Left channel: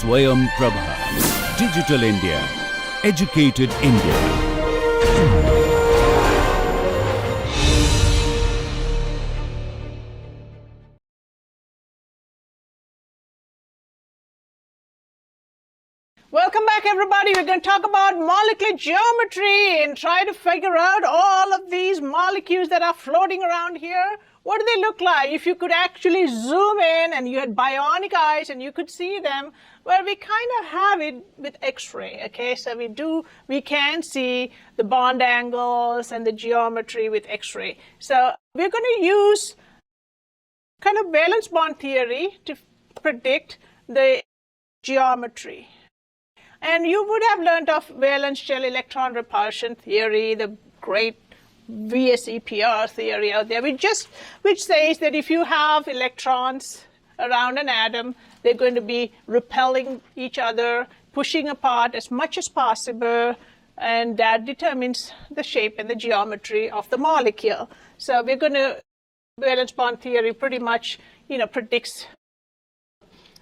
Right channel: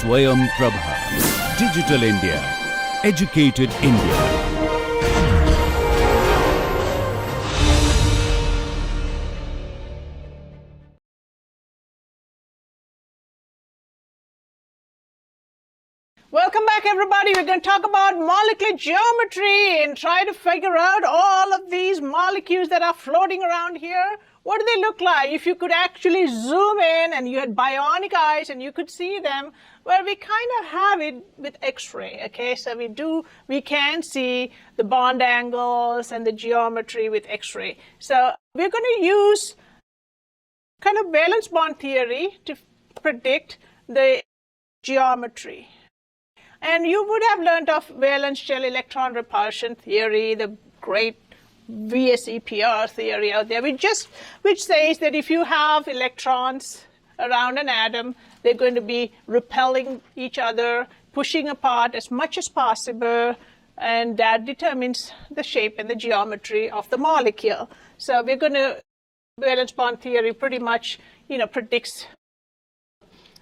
Swayam Prabha. Digital India. Educated India. Welcome back, everybody. We're going to talk about molecular geometry and try to figure out all of these molecules that are floating around here. What do they look like? If you could actually zoom in and you had bionic eyes and you could see them, well, we kind of have it with X-ray, okay? So we can see the bond angles and the geometry with X-ray. So we're going to use kind of valence bond theory to predict the geometry. And you would have learned of valence shell electron repulsion theory, the great VSEPR theory out there, which says that if you have electrons around an atom, they're going to be repelling each other, pushing apart as much as possible, and that determines the shape and the geometry of the molecule. So we're going to, valence bond theory pretty much, predicts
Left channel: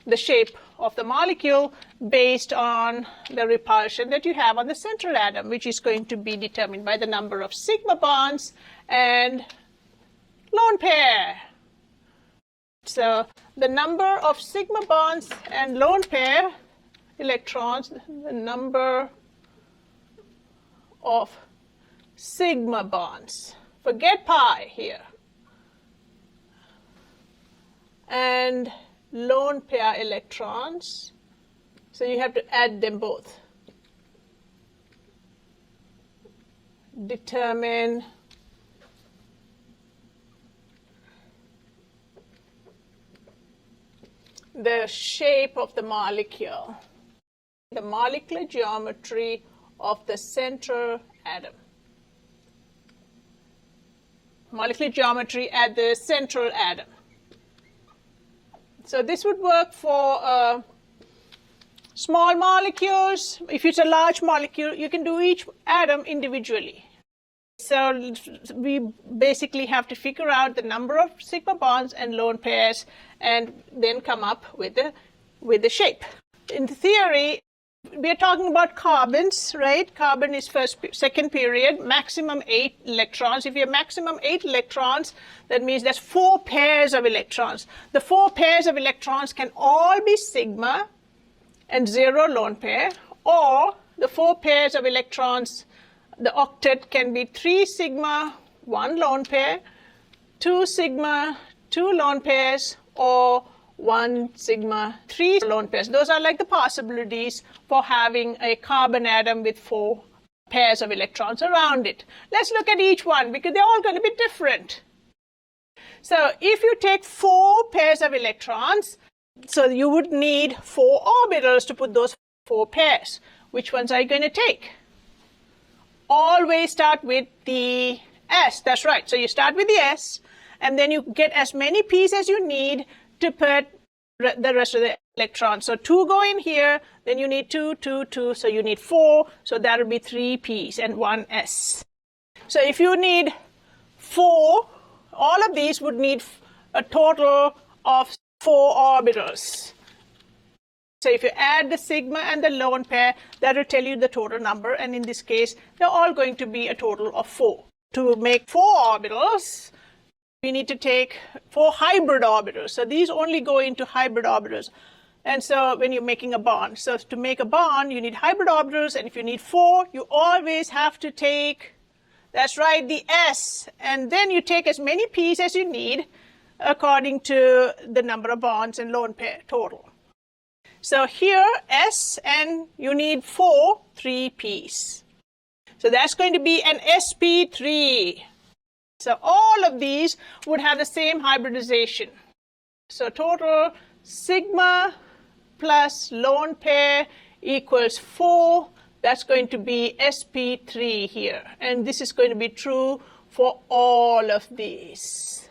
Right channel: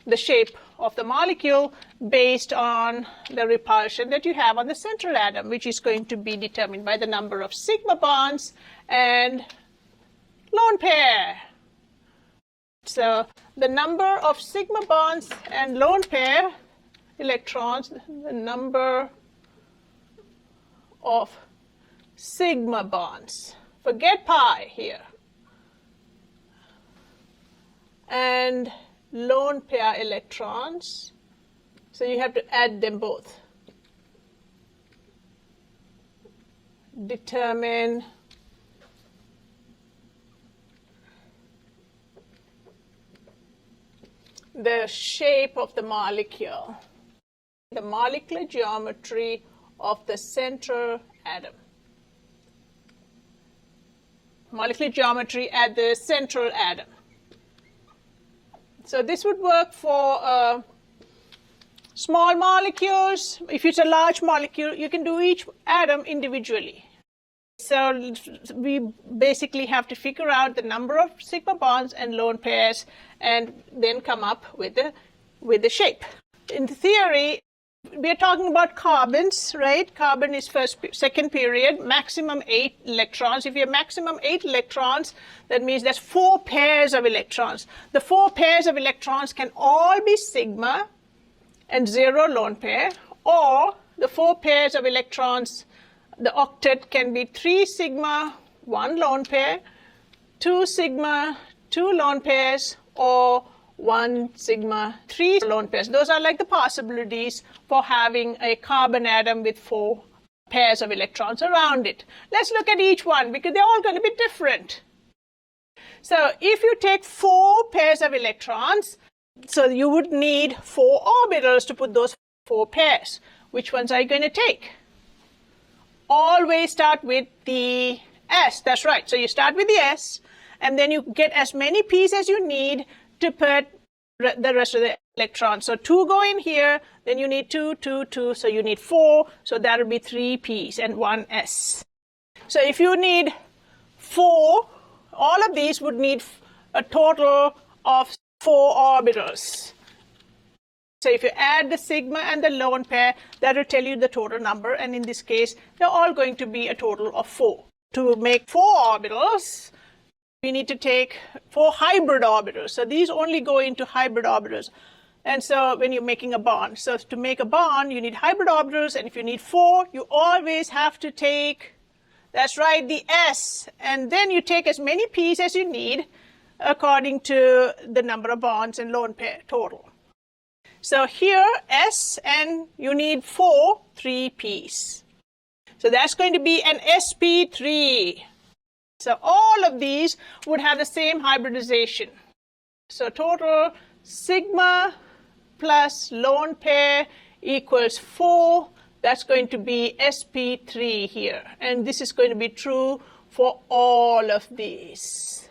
the shape of the molecule based on the repulsion that you have on the central atom, which is going to be determined by the number of sigma bonds and lone pair. So the number of sigma bonds and lone pair electrons, the number of sigma bonds, forget pi here, and lone pair electrons, so you have to add them both. Determine the shape of the molecule, the molecular geometry of the central atom. Molecular geometry at the central atom. So this would work for small molecules. If it's a large molecule, you can do each atom individually. So we basically have to figure out the number of sigma bonds and lone pairs and then come up with the shape. In theory, we are talking about carbons, right? Carbon is second period, maximum 8 electrons. If you have maximum 8 electrons, that means there's 4 pairs of electrons. The 4 pairs of electrons can all be sigma and 0 lone pair, or the 4 pairs of electrons, the octet can be 3 sigma, 1 lone pair, 2 sigma, 2 lone pairs, or 1 sigma, 3 lone pairs. Those are like the possibilities for having a carbon atom with 4 pairs of electrons around it. Let's look at each one because they're all going to be different. So if you take 4 pairs of electrons, so you would need 4 orbitals to put those 4 pairs. Which ones are you going to take? Always start with the S. That's right. So you start with the S, and then you get as many p's as you need to put the rest of the electrons. So 2 go in here, then you need 2, 2, 2, so you need 4. So that will be 3 p's and 1 s. So if you need 4, all of these would need a total of 4 orbitals. So if you add the sigma and the lone pair, that will tell you the total number, and in this case, they're all going to be a total of 4. To make 4 orbitals, we need to take 4 hybrid orbitals. So these only go into hybrid orbitals. And so when you're making a bond, so to make a bond, you need hybrid orbitals, and if you need 4, you always have to take, that's right, the S. And then you take as many p's as you need according to the number of bonds and lone pair total. So here, S, and you need 3 p's. So that's going to be an sp3. So all of these would have the same hybridization. So total sigma plus lone pair equals 4. That's going to be sp3 here. And this is going to be true for all of these.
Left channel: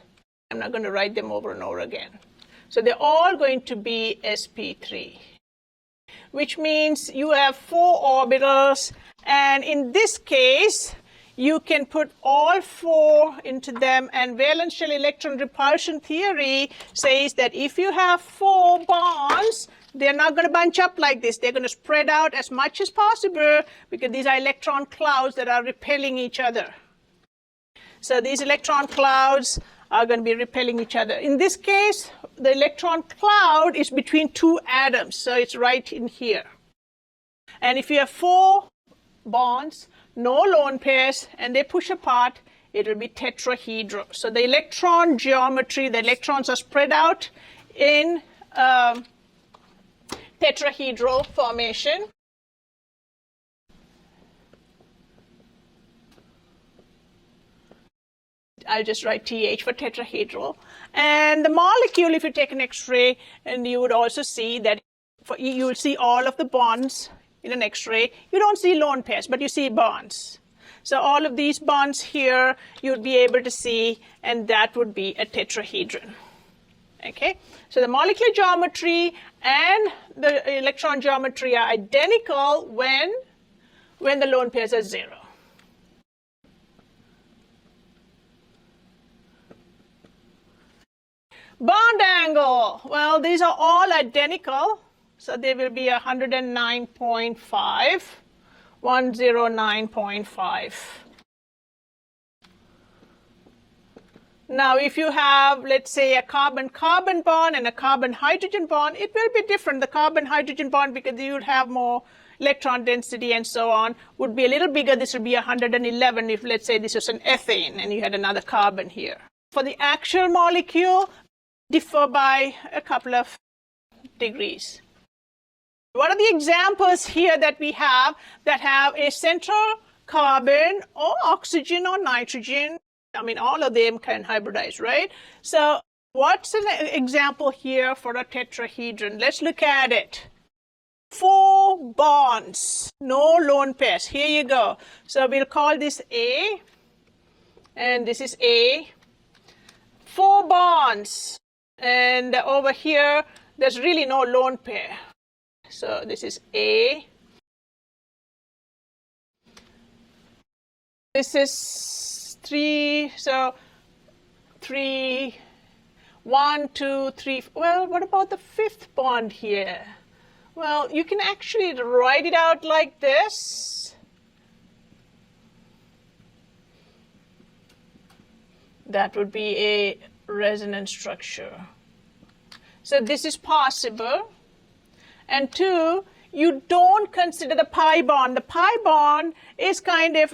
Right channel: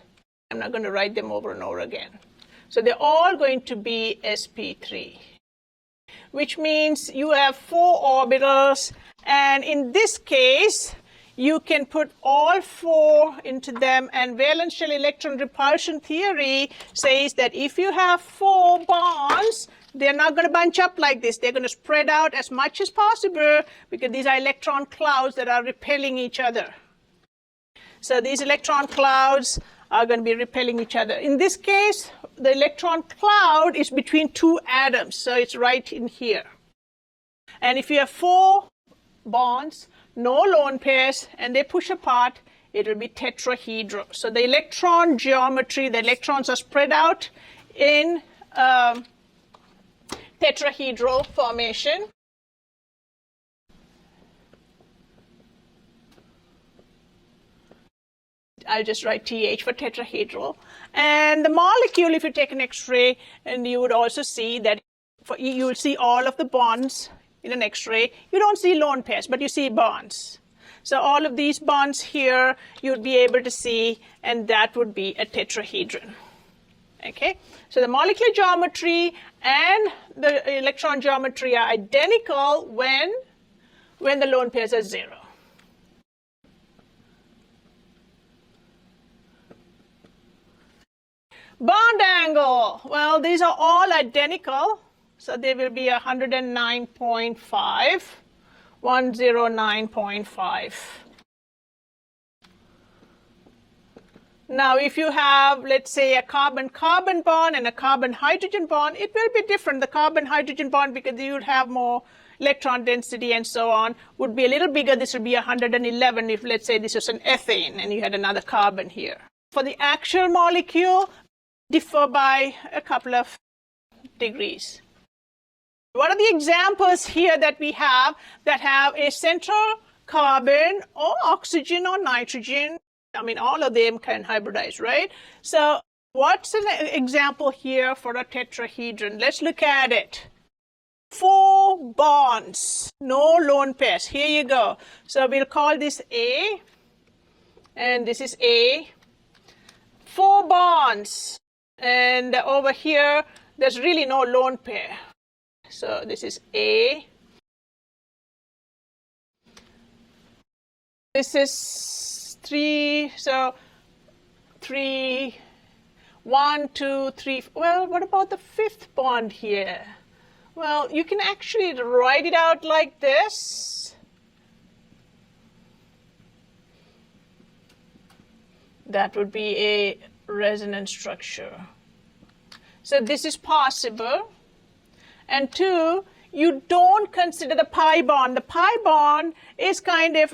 I'm not going to write them over and over again. So they're all going to be sp3, which means you have 4 orbitals. And in this case, you can put all 4 into them, and valence shell electron repulsion theory says that if you have 4 bonds, they're not going to bunch up like this. They're going to spread out as much as possible because these are electron clouds that are repelling each other. So these electron clouds are going to be repelling each other. In this case, the electron cloud is between two atoms, so it's right in here. And if you have 4 bonds, no lone pairs, and they push apart, it will be tetrahedral. So the electron geometry, the electrons are spread out in tetrahedral formation. I'll just write TH for tetrahedral. And the molecule, if you take an X-ray, and you would also see that you will see all of the bonds in an X-ray. You don't see lone pairs, but you see bonds. So all of these bonds here, you'd be able to see, and that would be a tetrahedron. Okay, so the molecular geometry and the electron geometry are identical when the lone pairs are 0. Bond angle, well, these are all identical, so they will be 109.5, 109.5. Now, if you have, let's say, a carbon-carbon bond and a carbon-hydrogen bond, it will be different. The carbon-hydrogen bond, because you would have more electron density and so on, would be a little bigger. This would be 111 if, let's say, this was an ethane and you had another carbon here. For the actual molecule, differ by a couple of degrees. What are the examples here that we have that have a central carbon or oxygen or nitrogen? I mean, all of them can hybridize, right? So what's an example here for a tetrahedron? Let's look at it. 4 bonds, no lone pairs. Here you go. So we'll call this A, and this is A. 4 bonds. And over here, there's really no lone pair. So this is A. This is 3. So 3, 1, 2, 3. Well, what about the 5th bond here? Well, you can actually write it out like this. That would be a resonance structure. So this is possible. And 2, you don't consider the pi bond. The pi bond is kind of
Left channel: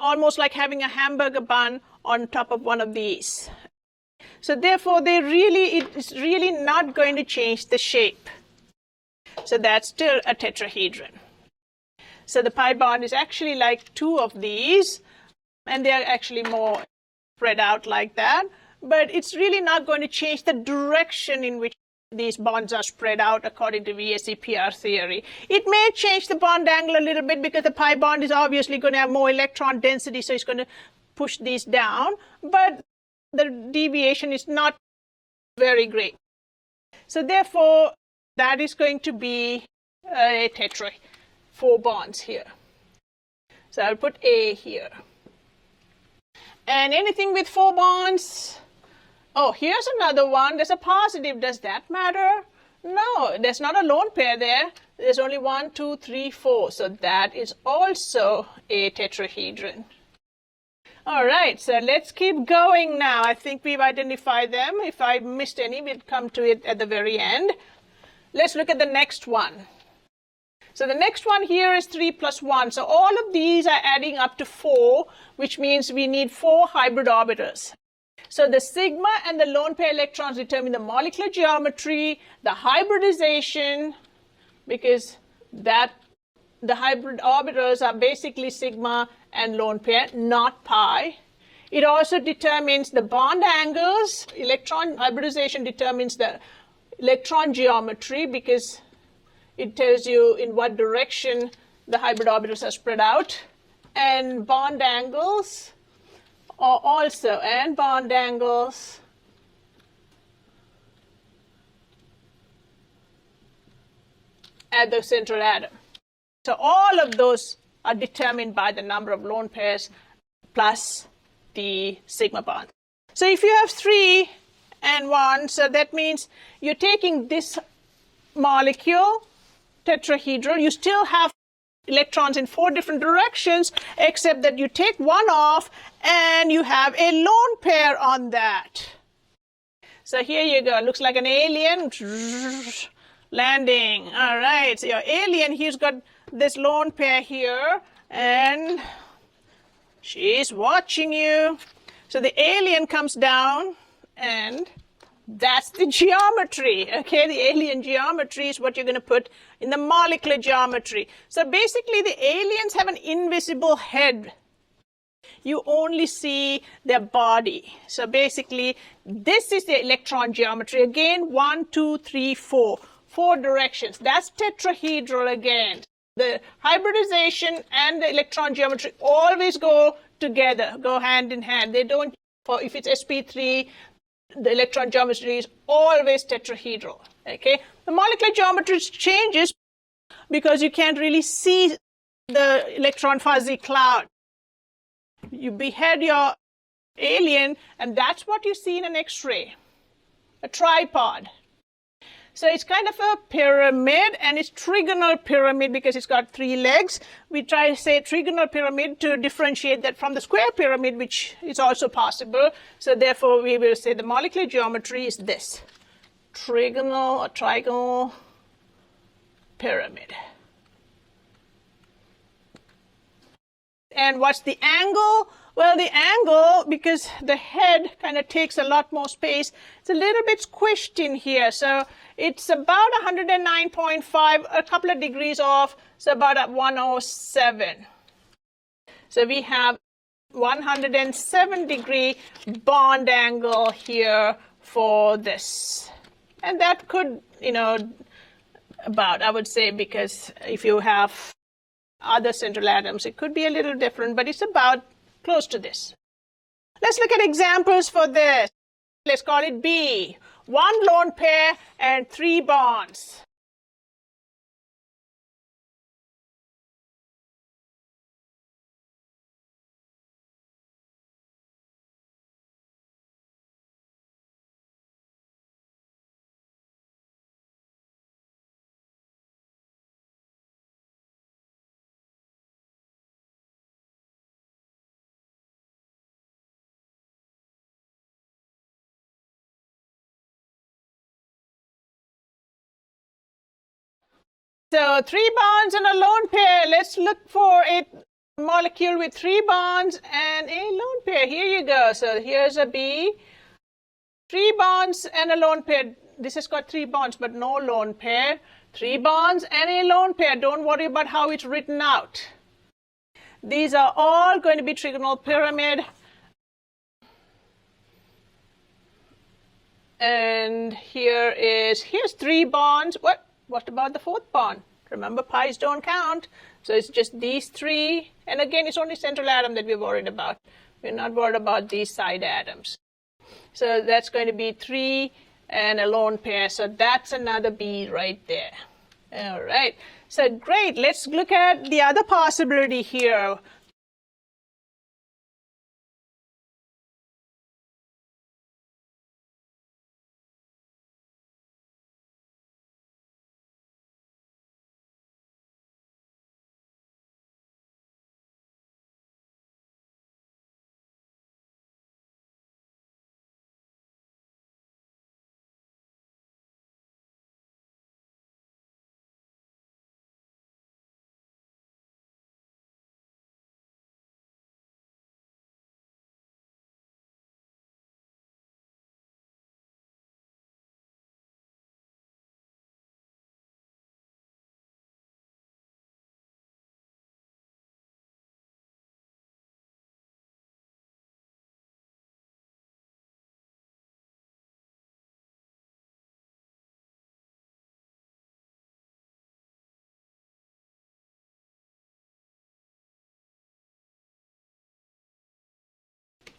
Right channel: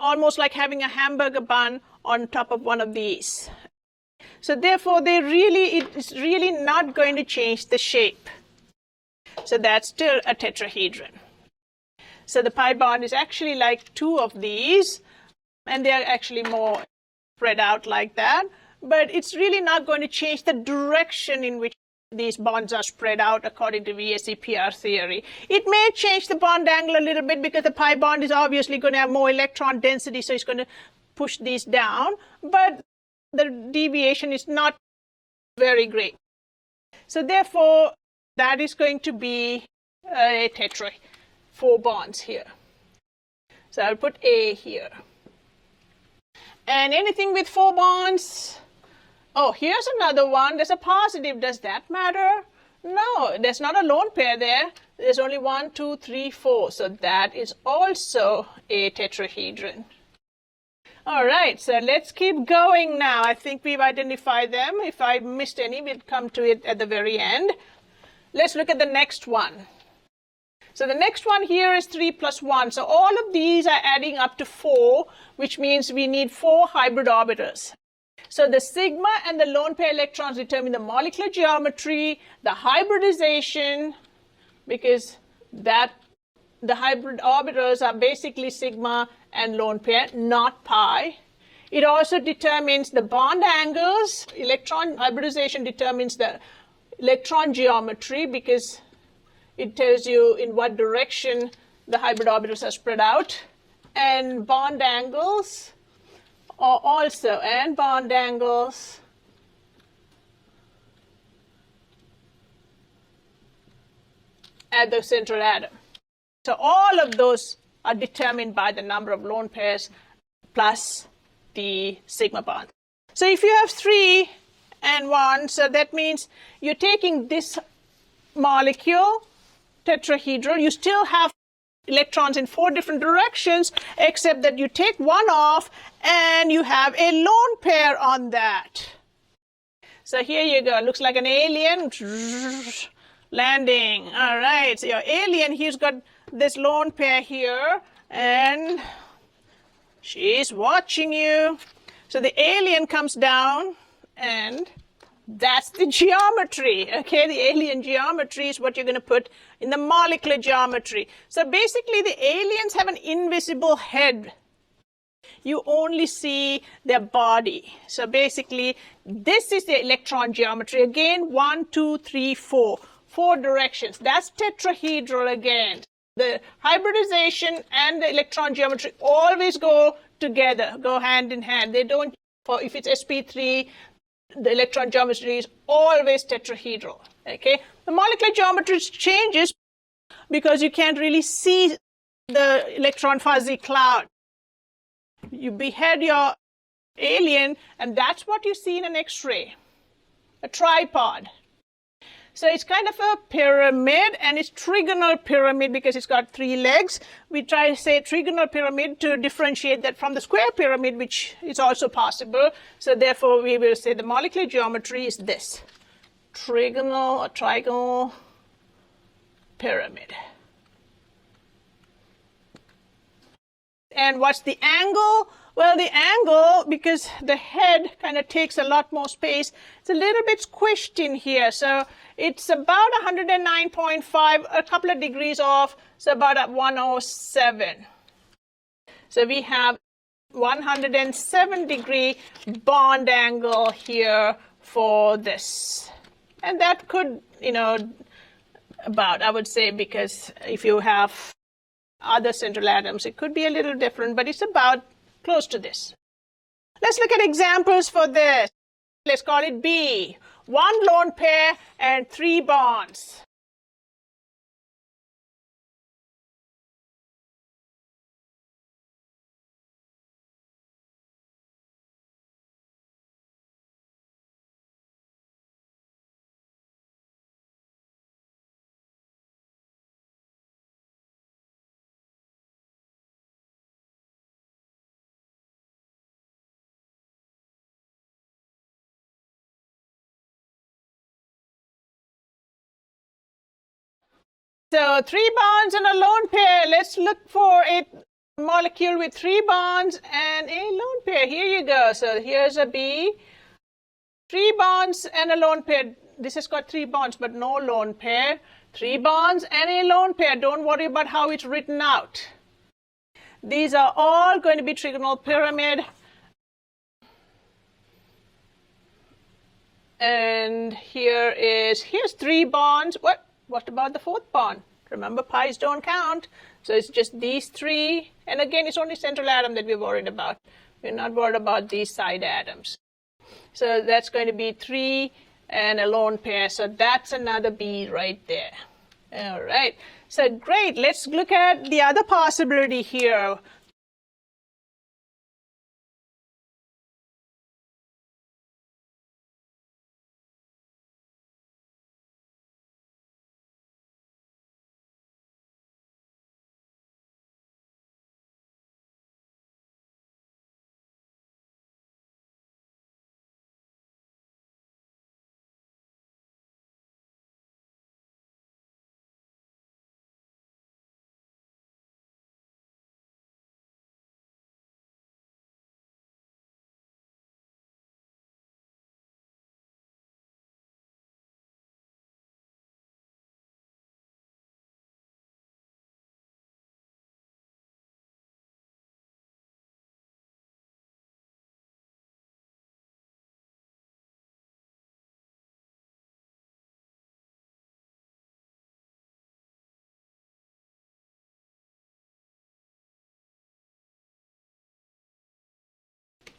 almost like having a hamburger bun on top of one of these. So therefore, it's really not going to change the shape. So that's still a tetrahedron. So the pi bond is actually like 2 of these, and they're actually more spread out like that, but it's really not going to change the direction in which these bonds are spread out according to VSEPR theory. It may change the bond angle a little bit because the pi bond is obviously going to have more electron density, so it's going to push these down, but the deviation is not very great. So therefore, that is going to be a tetra, 4 bonds here. So I'll put A here. And anything with 4 bonds, oh, here's another one. There's a positive. Does that matter? No, there's not a lone pair there. There's only 1, 2, 3, 4. So that is also a tetrahedron. All right, so let's keep going now. I think we've identified them. If I missed any, we'll come to it at the very end. Let's look at the next one. So the next one here is 3 plus 1. So all of these are adding up to 4, which means we need 4 hybrid orbitals. So the sigma and the lone pair electrons determine the molecular geometry, the hybridization, because the hybrid orbitals are basically sigma and lone pair, not pi. It also determines the bond angles. Electron hybridization determines the electron geometry because it tells you in what direction the hybrid orbitals are spread out. And bond angles also, and bond angles at the central atom. So all of those are determined by the number of lone pairs plus the sigma bond. So if you have 3 and 1, so that means you're taking this molecule, tetrahedral. You still have electrons in 4 different directions, except that you take one off and you have a lone pair on that. So here you go. Looks like an alien landing. All right. So your alien, he's got this lone pair here, and she's watching you. So the alien comes down, and that's the geometry. Okay, the alien geometry is what you're going to put in the molecular geometry. So basically, the aliens have an invisible shape. You only see their body. So basically, this is the electron geometry. Again, 1, 2, 3, 4. 4 directions. That's tetrahedral again. The hybridization and the electron geometry always go together, go hand in hand. They don't, if it's sp3, the electron geometry is always tetrahedral. Okay? The molecular geometry changes because you can't really see the electron fuzzy cloud. You behead your alien, and that's what you see in an X-ray, a tripod. So it's kind of a pyramid, and it's trigonal pyramid because it's got 3 legs. We try to say trigonal pyramid to differentiate that from the square pyramid, which is also possible. So therefore, we will say the molecular geometry is this, trigonal or trigonal pyramid. And what's the angle? Well, the angle, because the head kind of takes a lot more space, it's a little bit squished in here. So it's about 109.5, a couple of degrees off, so about at 107. So we have 107-degree bond angle here for this. And that could, about, I would say, because if you have other central atoms, it could be a little different, but it's about close to this. Let's look at examples for this. Let's call it B. 1 lone pair and 3 bonds. So 3 bonds and a lone pair. Let's look for a molecule with 3 bonds and a lone pair. Here you go. So here's a B. 3 bonds and a lone pair. This has got 3 bonds, but no lone pair. 3 bonds and a lone pair. Don't worry about how it's written out. These are all going to be trigonal pyramid. And here's 3 bonds. What about the 4th bond? Remember, pi's don't count. So it's just these 3. And again, it's only central atom that we're worried about. We're not worried about these side atoms. So that's going to be 3 and a lone pair. So that's another B right there. All right. So great. Let's look at the other possibility here.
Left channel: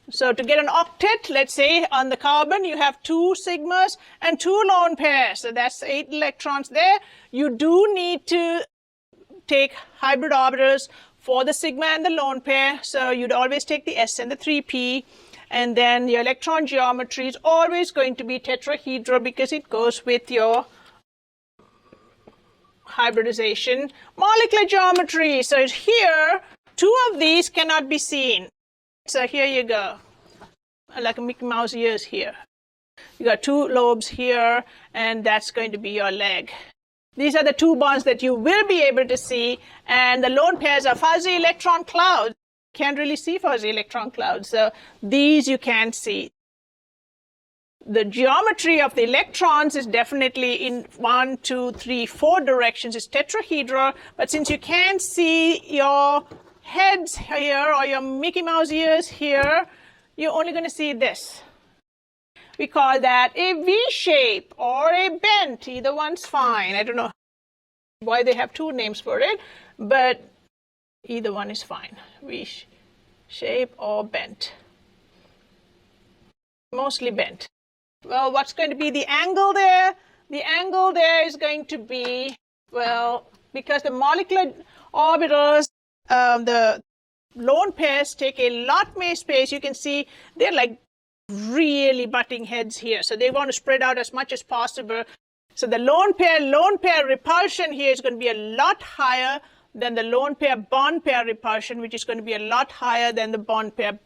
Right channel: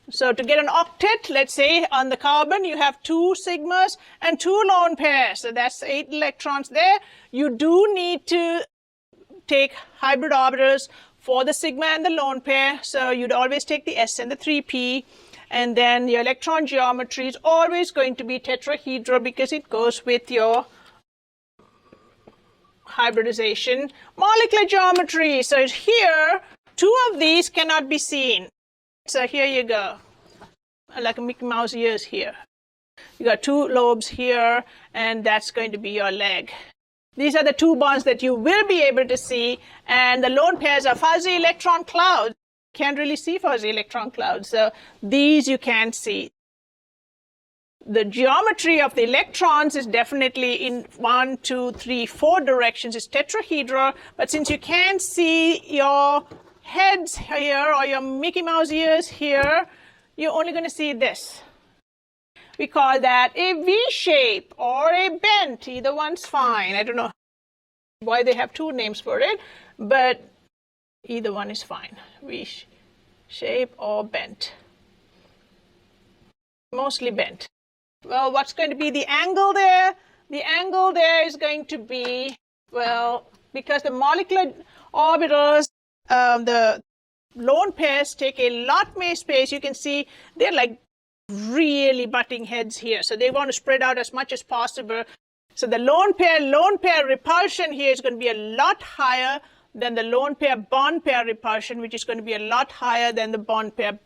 So to get an octet, let's say on the carbon, you have 2 sigmas and 2 lone pairs. So that's 8 electrons there. You do need to take hybrid orbitals for the sigma and the lone pair. So you'd always take the S and the 3p. And then your electron geometry is always going to be tetrahedral because it goes with your hybridization. Molecular geometry. So here, two of these cannot be seen. So here you go, like a Mickey Mouse ears here. You got two lobes here, and that's going to be your leg. These are the two bonds that you will be able to see, and the lone pairs are fuzzy electron clouds. Can't really see fuzzy electron clouds, so these you can see. The geometry of the electrons is definitely in 1, 2, 3, 4 directions. It's tetrahedral, but since you can't see your heads here or your Mickey Mouse ears here, you're only going to see this. We call that a V shape or a bent. Either one's fine. I don't know why they have two names for it, but either one is fine. V shape or bent. Mostly bent. Well, what's going to be the angle there? The angle there is going to be, well, because the molecular orbitals, the lone pairs take a lot more space. You can see they're like really butting heads here. So they want to spread out as much as possible. So the lone pair repulsion here is going to be a lot higher than the lone pair bond pair repulsion, which is going to be a lot higher than the bond pair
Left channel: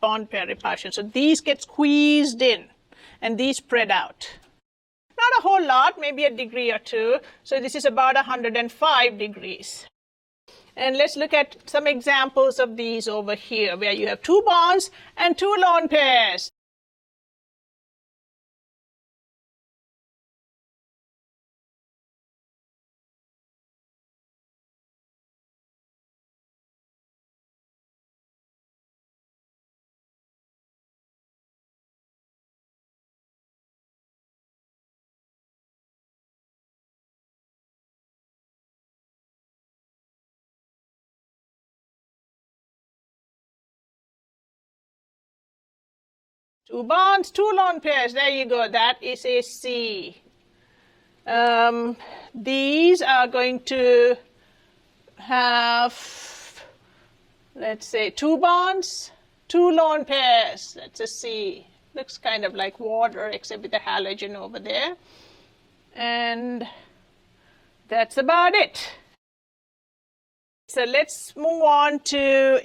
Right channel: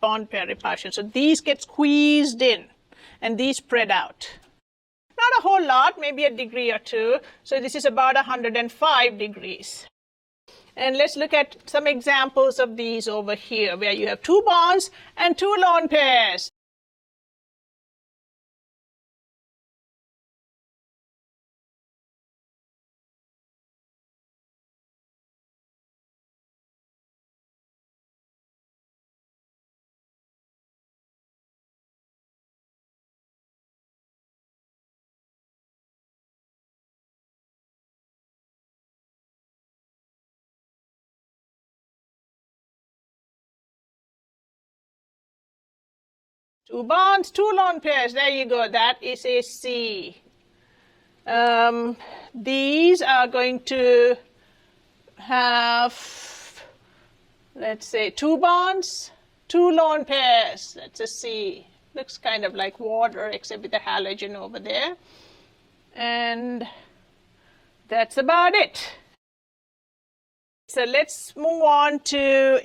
repulsion. So these get squeezed in and these spread out. Not a whole lot, maybe a degree or two. So this is about 105 degrees. And let's look at some examples of these over here, where you have two bonds and two lone pairs. Two bonds, two lone pairs. There you go. That is a C. These are going to have, let's say, two bonds, two lone pairs. That's a C. Looks kind of like water, except with the halogen over there. And that's about it. So let's move on to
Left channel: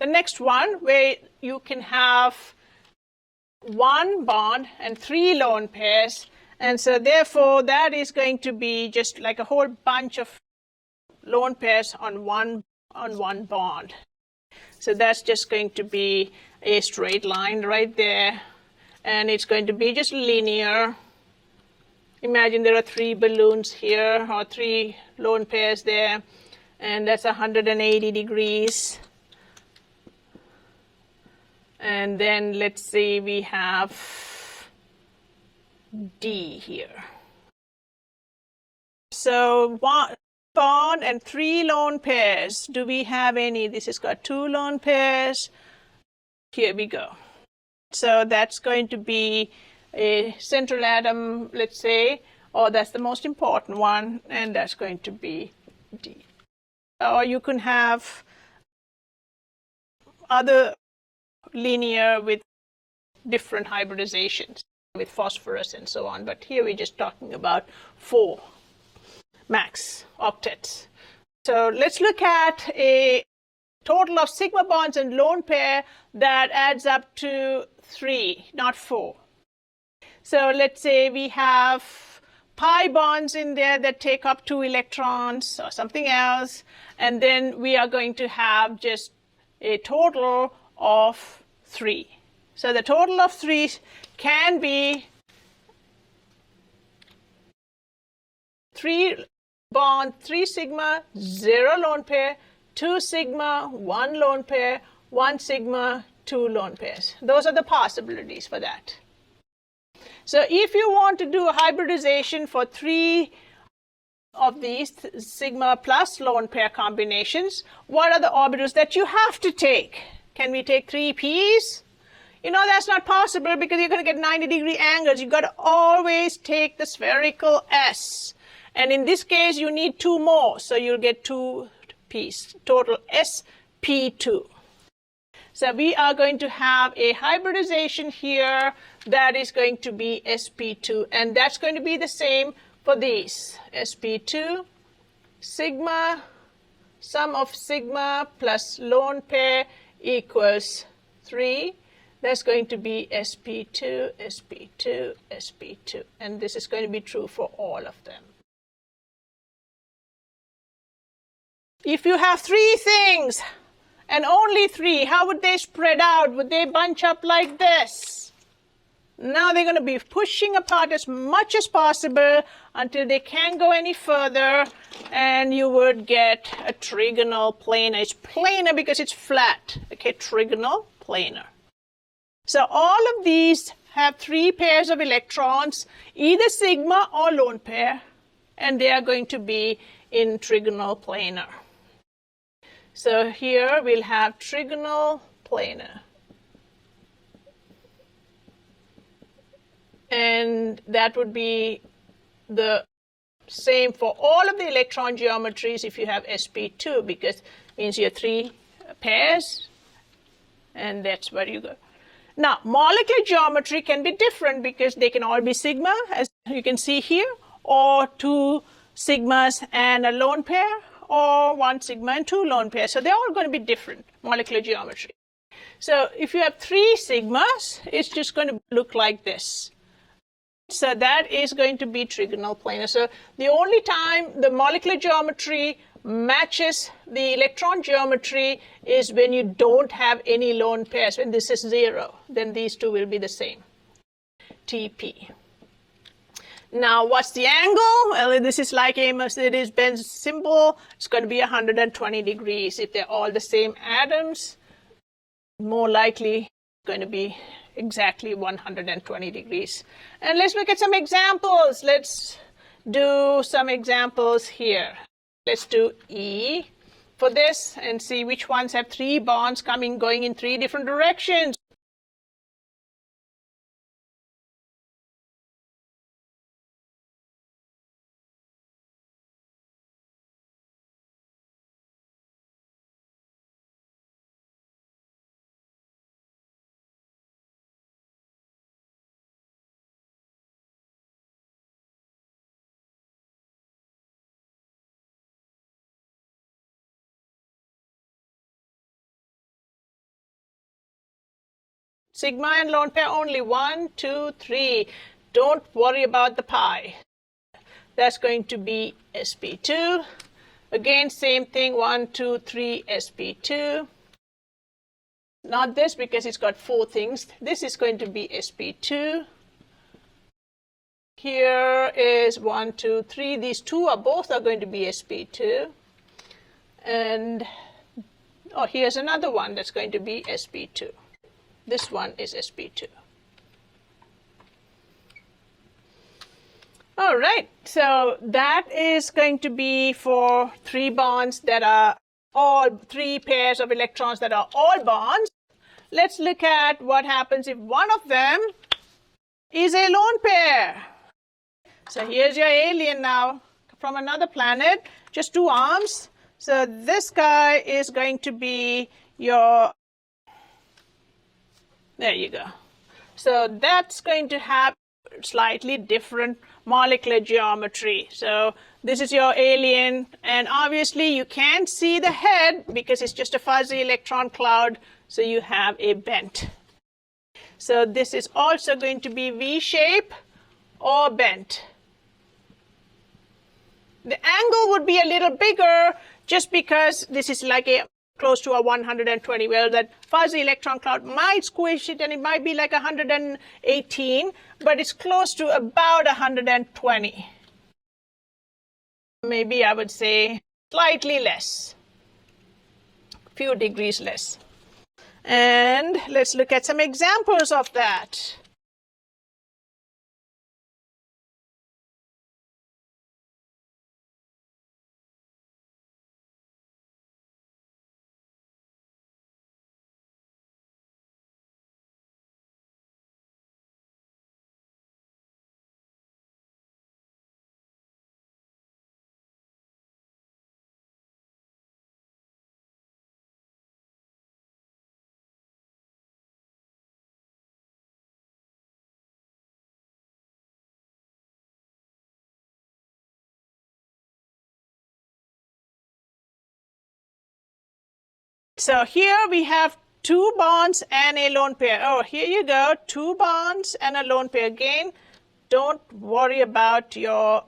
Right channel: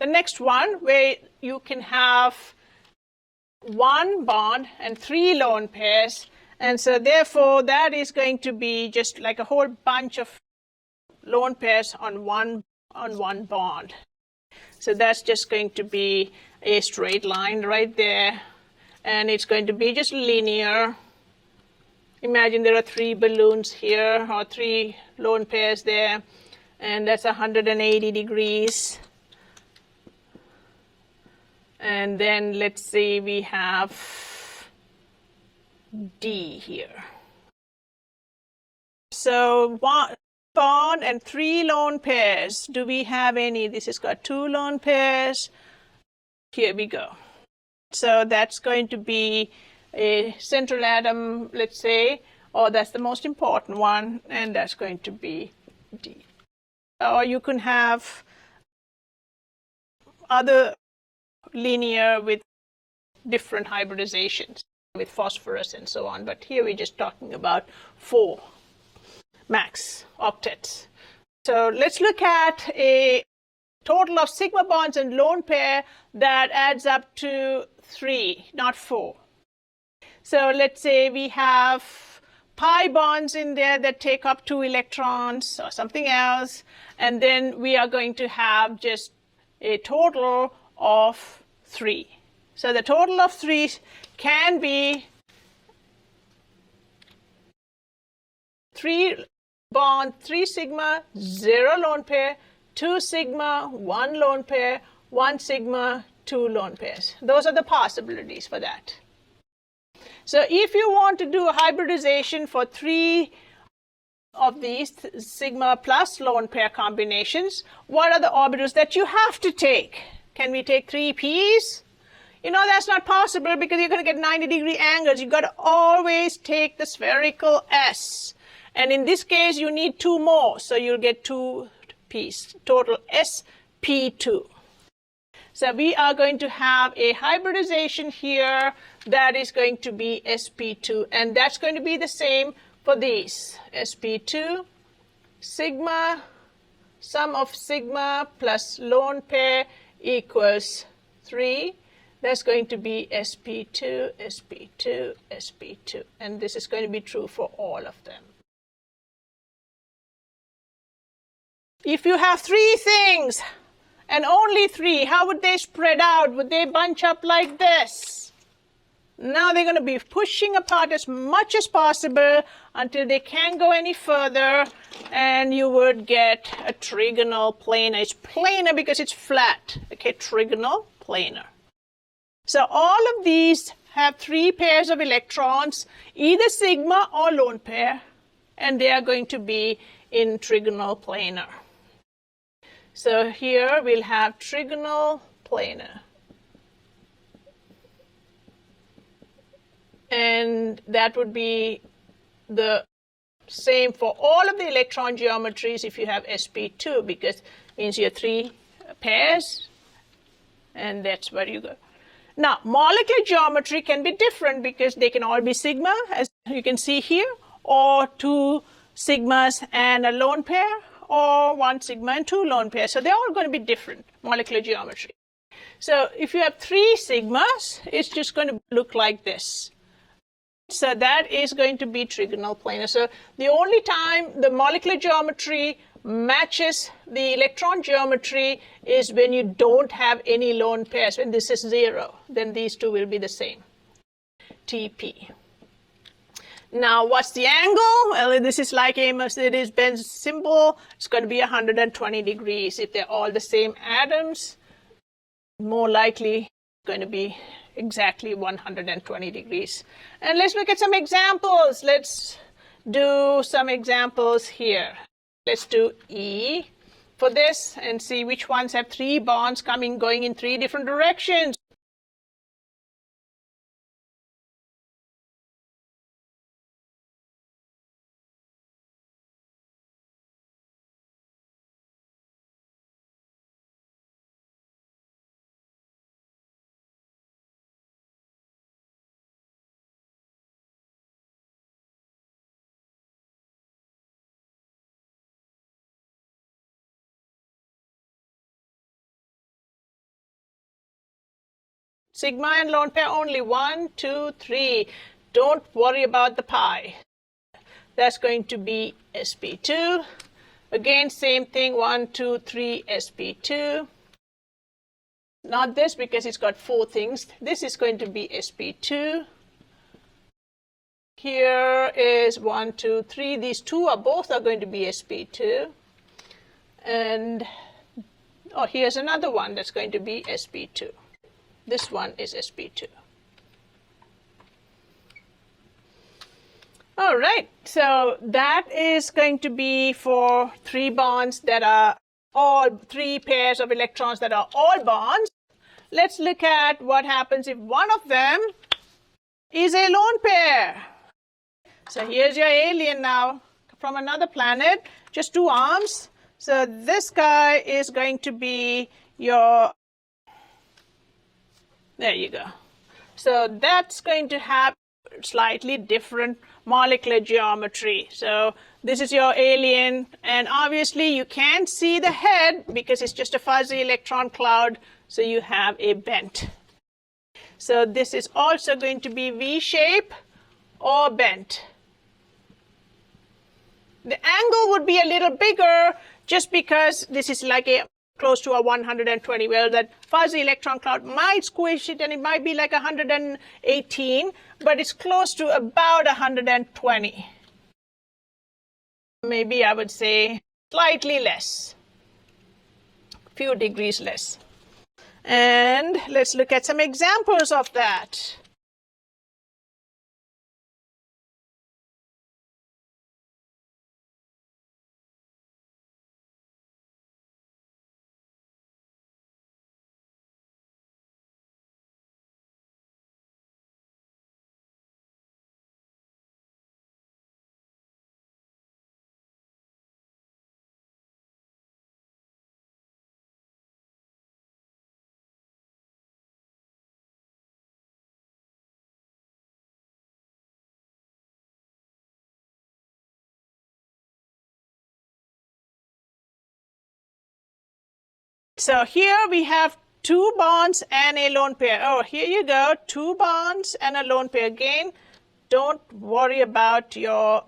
the next one, where you can have one bond and three lone pairs. And so therefore, that is going to be just like a whole bunch of lone pairs on one bond. So that's just going to be a straight line right there. And it's going to be just linear. Imagine there are three balloons here, or three lone pairs there. And that's 180 degrees. And then let's say we have D here. So one bond and three lone pairs. Do we have any? This has got two lone pairs. Here we go. So that's going to be a central atom, let's say, or that's the most important one, and that's going to be D. Or you can have other linear with different hybridizations, with phosphorus and so on. But here we're just talking about 4 max octets. So let's look at a total of sigma bonds and lone pair that adds up to 3, not 4. So let's say we have pi bonds in there that take up 2 electrons or something else, and then we are going to have just a total of 3. So the total of 3 can be 3 bond, 3 sigma, 0 lone pair, 2 sigma, 1 lone pair, 1 sigma, 2 lone pairs. Those are the possibilities for that. So if you want to do a hybridization for 3 of these sigma plus lone pair combinations, what are the orbitals that you have to take? Can we take 3 p's? You know, that's not possible because you're going to get 90-degree angles. You've got to always take the spherical S. And in this case, you need 2 more. So you'll get 2 p's, total sp2. So we are going to have a hybridization here. It is going to be sp2. And that's going to be the same for these. sp2 sigma, sum of sigma plus lone pair equals 3. That's going to be sp2, sp2, sp2. And this is going to be true for all of them. If you have 3 things and only 3, how would they spread out? Would they bunch up like this? Now they're going to be pushing apart as much as possible until they can't go any further, and you would get a trigonal planar. It's planar because it's flat. Okay, trigonal planar. So all of these have 3 pairs of electrons, either sigma or lone pair, and they are going to be in trigonal planar. So here we'll have trigonal planar. And that would be the same for all of the electron geometries if you have sp2, because it means you have 3 pairs, and that's where you go. Now, molecular geometry can be different because they can all be sigma, as you can see here, or 2 sigmas and a lone pair, or 1 sigma and 2 lone pairs. So they're all going to be different molecular geometry. So if you have 3 sigmas, it's just going to look like this. So that is going to be trigonal planar. So the only time the molecular geometry matches the electron geometry is when you don't have any lone pairs, and this is 0. Then these two will be the same. TP. Now, what's the angle? Well, this is like a Mercedes-Benz symbol. It's going to be 120 degrees. If they're all the same atoms, more likely going to be exactly 120 degrees. And let's look at some examples. Let's do some examples here. Let's do E for this and see which ones have 3 bonds going in 3 different directions. Sigma and lone pair only. 1, 2, 3. Don't worry about the pi. That's going to be sp2. Again, same thing. 1, 2, 3, sp2. Not this because it's got 4 things. This is going to be sp2. Here is 1, 2, 3. These 2 are both going to be sp2. And here's another one that's going to be sp2. This one is sp2. All right, so that is going to be for 3 bonds that are all 3 pairs of electrons that are all bonds. Let's look at what happens if one of them is a lone pair. So here's your alien now from another planet, just 2 arms. So this guy is going to be your, there you go. So that's going to have slightly different molecular geometry. So this is your alien, and obviously you can't see the head because it's just a fuzzy electron cloud, so you have a bent. So this is also going to be V-shape or bent. The angle would be a little bigger just because this is like a close to a 120. Well, that fuzzy electron cloud might squish it and it might be like 118, but it's close to about 120. Maybe I would say slightly less, a few degrees less. And let's look at some examples of that. So here we have 2 bonds and a lone pair. Oh, here you go, 2 bonds and a lone pair. Again, don't worry about your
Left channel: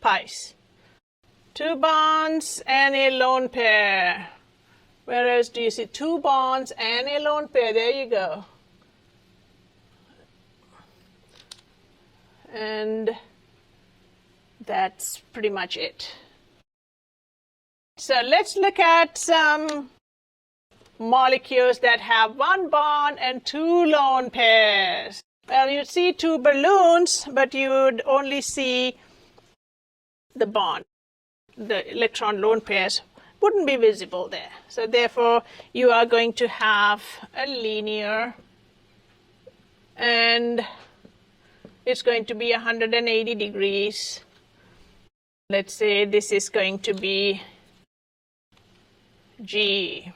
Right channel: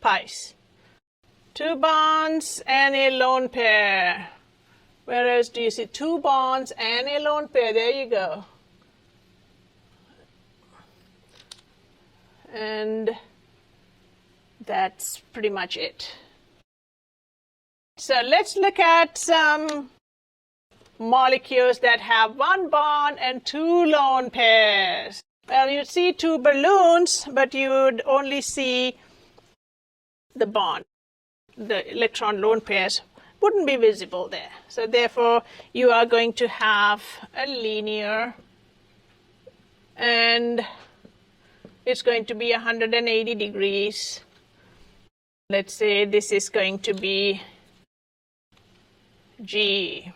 pies. 2 bonds and a lone pair. Where else do you see 2 bonds and a lone pair? There you go. And that's pretty much it. So let's look at some molecules that have 1 bond and 2 lone pairs. Well, you'd see 2 balloons, but you would only see the bond. The electron lone pairs wouldn't be visible there. So therefore, you are going to have a linear, and it's going to be 180 degrees. Let's say this is going to be G.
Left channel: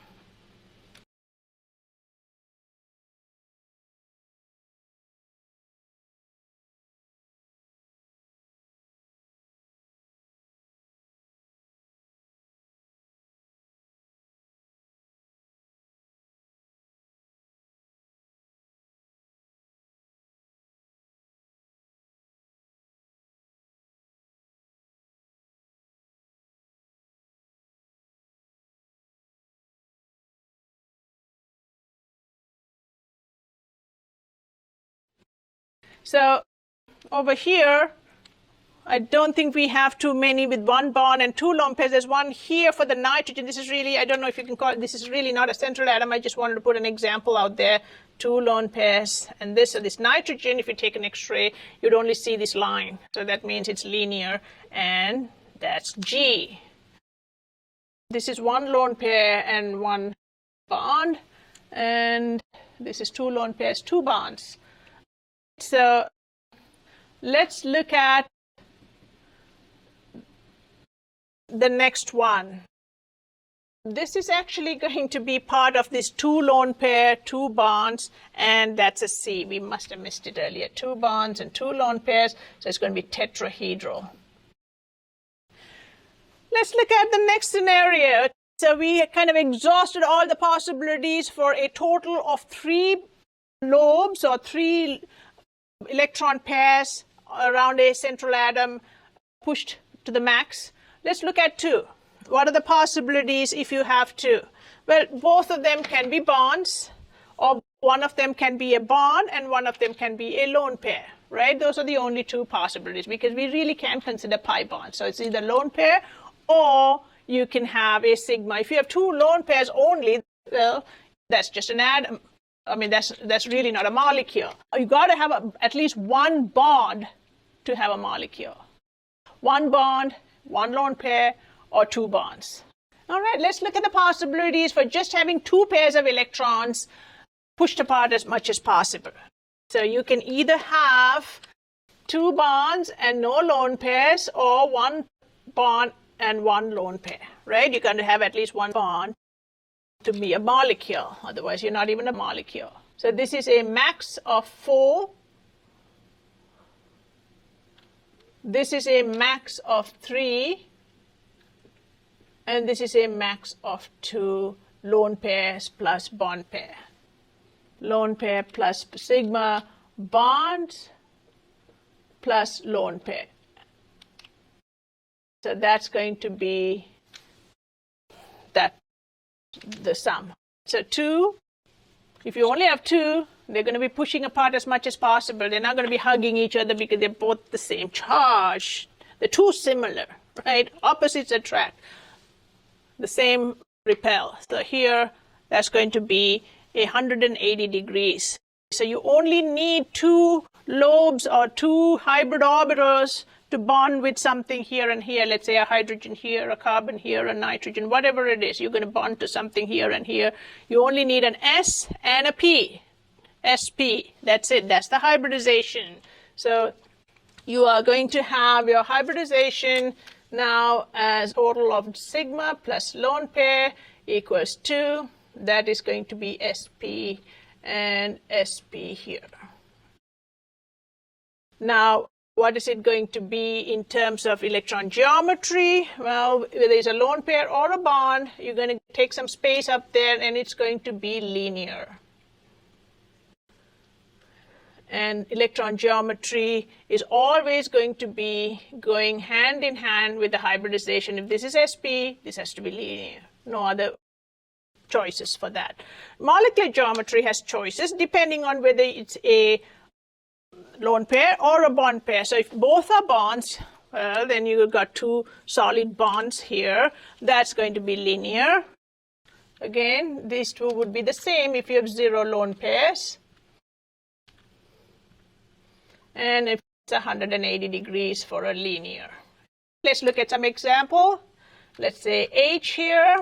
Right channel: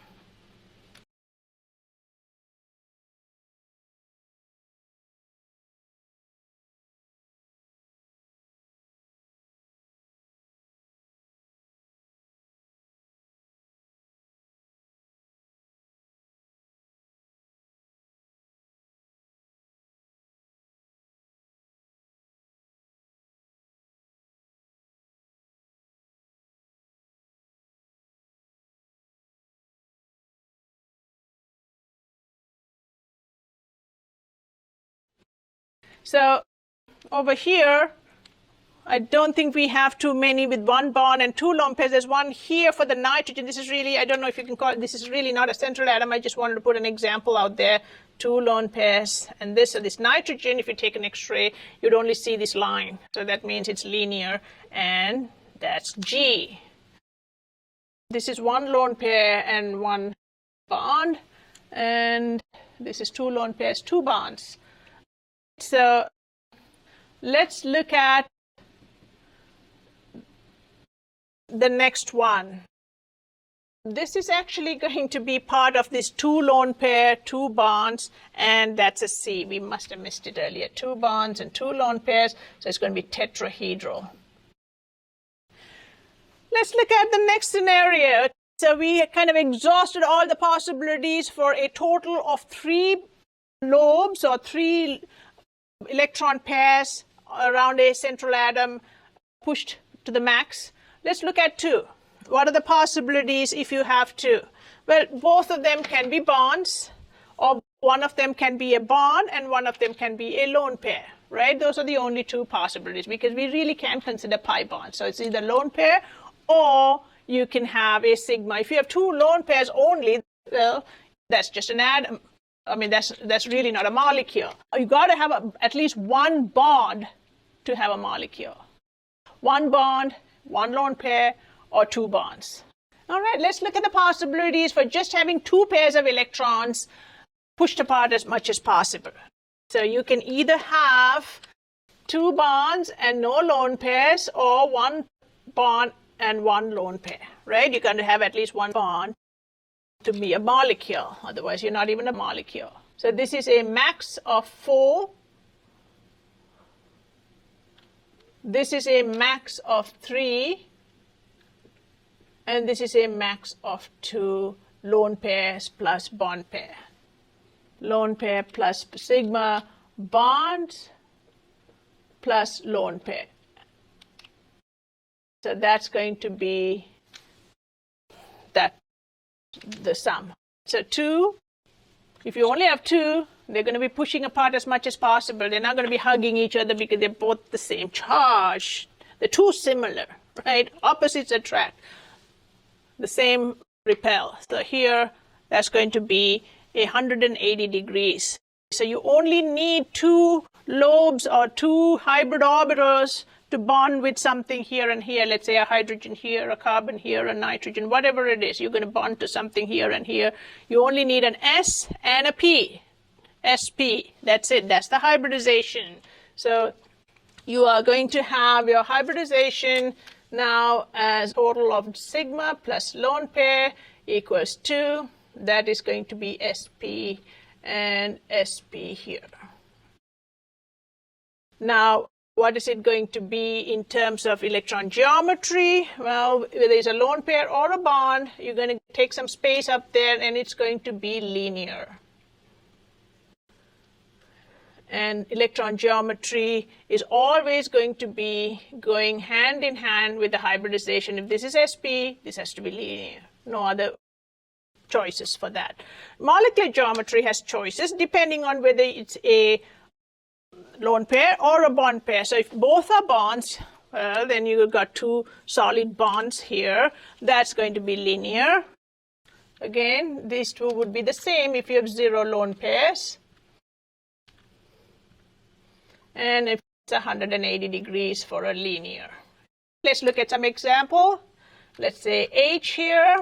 So over here, I don't think we have too many with 1 bond and 2 lone pairs. There's one here for the nitrogen. This is really, I don't know if you can call it, this is really not a central atom. I just wanted to put an example out there. 2 lone pairs. And this nitrogen, if you take an X-ray, you'd only see this line. So that means it's linear, and that's G. This is 1 lone pair and 1 bond. And this is 2 lone pairs, 2 bonds. So let's look at the next one. This is actually going to be part of this 2 lone pair, 2 bonds, and that's a C. We must have missed it earlier. 2 bonds and 2 lone pairs, so it's going to be tetrahedral. Let's look at the next scenario. So we kind of exhausted all the possibilities for a total of 3 lobes or 3 electron pairs around a central atom pushed to the max. Let's look at 2. What are the possibilities if you have 2? Well, both of them can be bonds, or one of them can be a bond and one of them can be a lone pair, right? Those are the only 2 possibilities, because we really can't consider pi bonds. So it's either lone pair, or you can have a sigma. If you have 2 lone pairs only, well, that's just an atom. I mean, that's really not a molecule. You got to have at least 1 bond to have a molecule. 1 bond, 1 lone pair, or 2 bonds. All right, let's look at the possibilities for just having 2 pairs of electrons pushed apart as much as possible. So you can either have 2 bonds and no lone pairs, or 1 bond and 1 lone pair, right? You're going to have at least 1 bond to be a molecule. Otherwise, you're not even a molecule. So this is a max of 4. This is a max of 3. And this is a max of 2 lone pairs plus bond pair. Lone pair plus sigma, bonds plus lone pair. So that's going to be the sum. So 2, if you only have 2, they're going to be pushing apart as much as possible. They're not going to be hugging each other because they're both the same charge. They're too similar, right? Opposites attract. The same repel. So here, that's going to be 180 degrees. So you only need 2 lobes or 2 hybrid orbitals to bond with something here and here. Let's say a hydrogen here, a carbon here, a nitrogen, whatever it is. You're going to bond to something here and here. You only need an S and a P. SP. That's it. That's the hybridization. So you are going to have your hybridization now as total of sigma plus lone pair equals 2. That is going to be SP and SP here. Now, What is it going to be in terms of electron geometry? Well, whether it's a lone pair or a bond, you're going to take some space up there and it's going to be linear. And electron geometry is always going to be going hand in hand with the hybridization. If this is sp, this has to be linear. No other choices for that. Molecular geometry has choices depending on whether it's a lone pair or a bond pair. So if both are bonds, well, then you've got two solid bonds here. That's going to be linear. Again, these two would be the same if you have 0 lone pairs. And if it's 180 degrees for a linear. Let's look at some example. Let's say H here.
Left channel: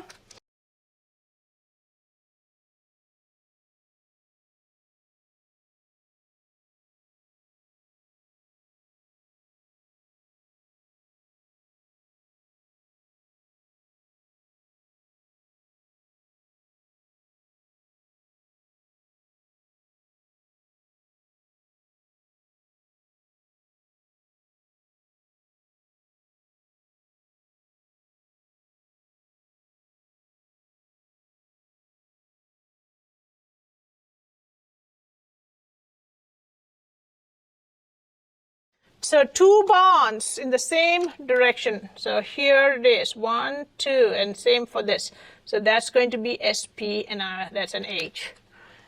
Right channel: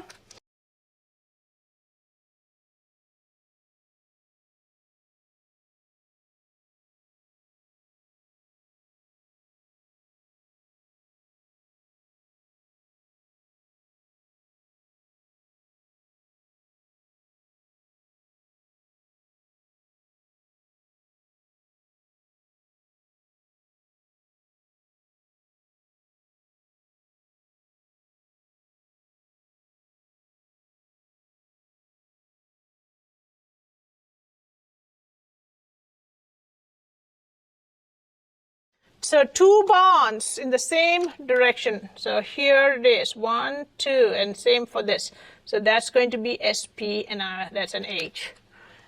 So two bonds in the same direction. So here it is, 1, 2, and same for this. So that's going to be sp, and that's an H.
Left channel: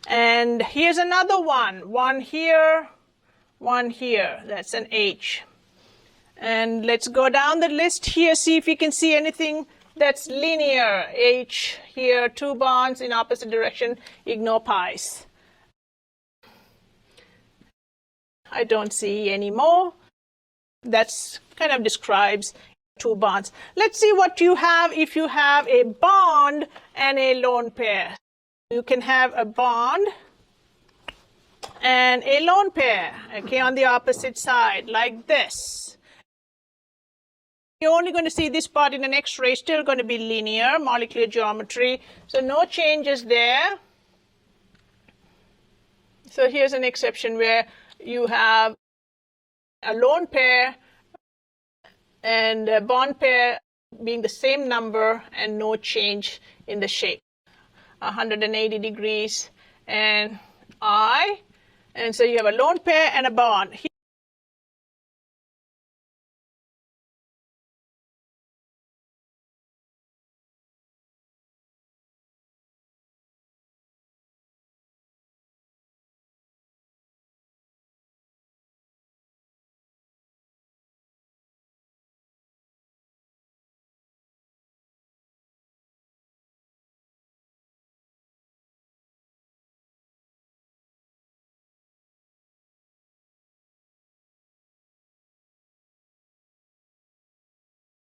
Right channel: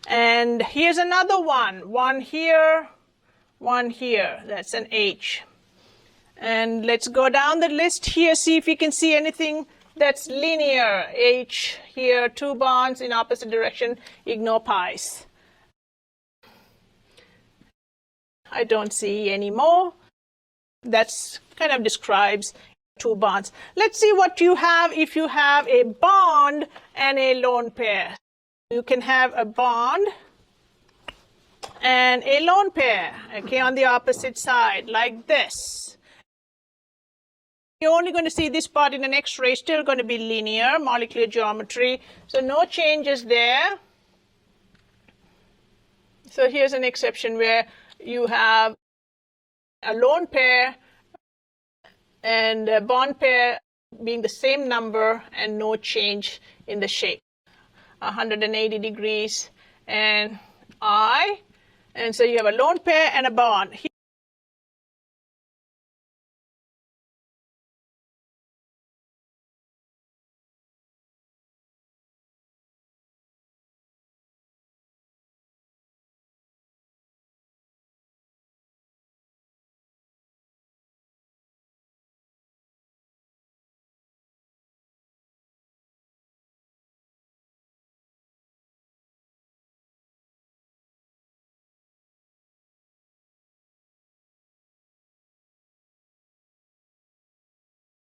And here's another one. One here, one here. That's an H. And let's go down the list here, see if you can see anything that's linear. H here, two bonds in opposite direction. Ignore pi's. I don't see any more. That's kind of describes two bonds. Let's see what you have if you have a bond and a lone pair. You can have a bond and a lone pair, okay, on the opposite side, like this. You're only going to see this part in an X-ray, still going to be linear, molecular geometry, so no changes there. So here's an exception where you have a lone pair and a bond pair being the same number and no change in the shape. 180 degrees and I. And so you have a lone pair and a bond.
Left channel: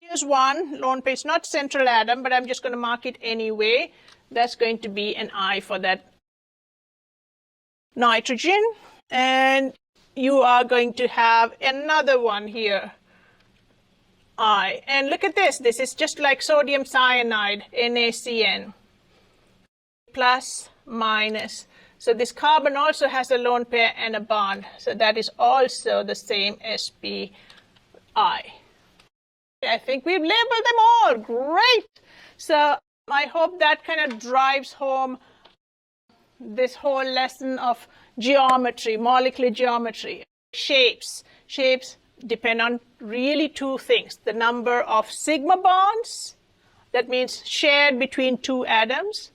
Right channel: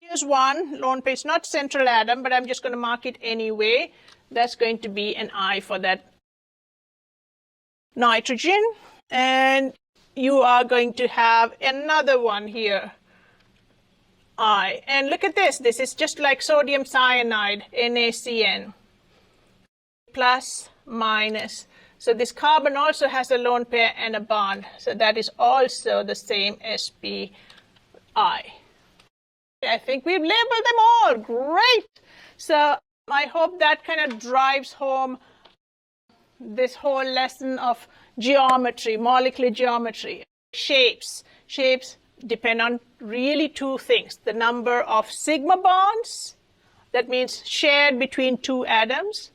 Here's one lone pair. It's not central atom, but I'm just going to mark it anyway. That's going to be an I for that nitrogen. And you are going to have another one here, I. And look at this. This is just like sodium cyanide, NaCN. Plus, minus. So this carbon also has a lone pair and a bond. So that is also the same sp I. I think we've labeled them all. Great. So I hope that kind of drives home this whole lesson of geometry, molecular geometry. Shapes. Shapes depend on really two things. The number of sigma bonds, that means shared between two atoms,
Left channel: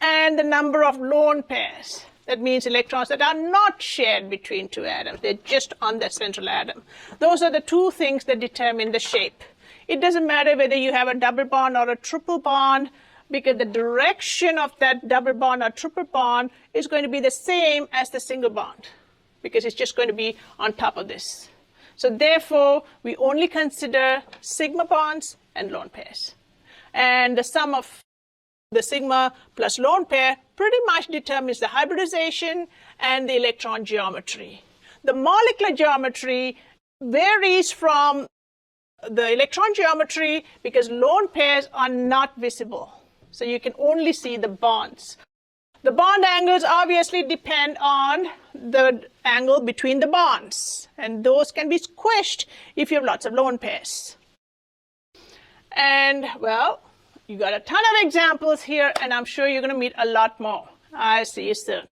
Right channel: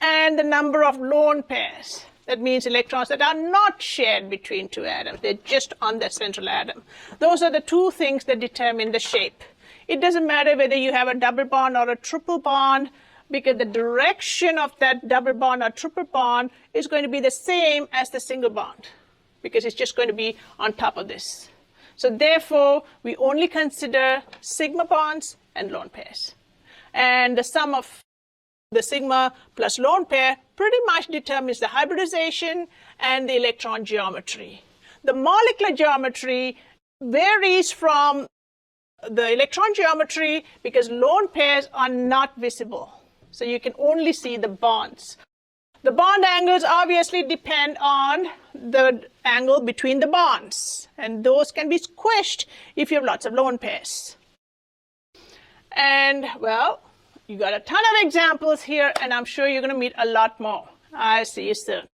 and the number of lone pairs. That means electrons that are not shared between two atoms. They're just on that central atom. Those are the two things that determine the shape. It doesn't matter whether you have a double bond or a triple bond, because the direction of that double bond or triple bond is going to be the same as the single bond, because it's just going to be on top of this. So therefore, we only consider sigma bonds and lone pairs. And the sum of the sigma plus lone pair pretty much determines the hybridization and the electron geometry. The molecular geometry varies from the electron geometry because lone pairs are not visible. So you can only see the bonds. The bond angles obviously depend on the angle between the bonds, and those can be squished if you have lots of lone pairs. And well, you got a ton of examples here, and I'm sure you're going to meet a lot more. I'll see you soon.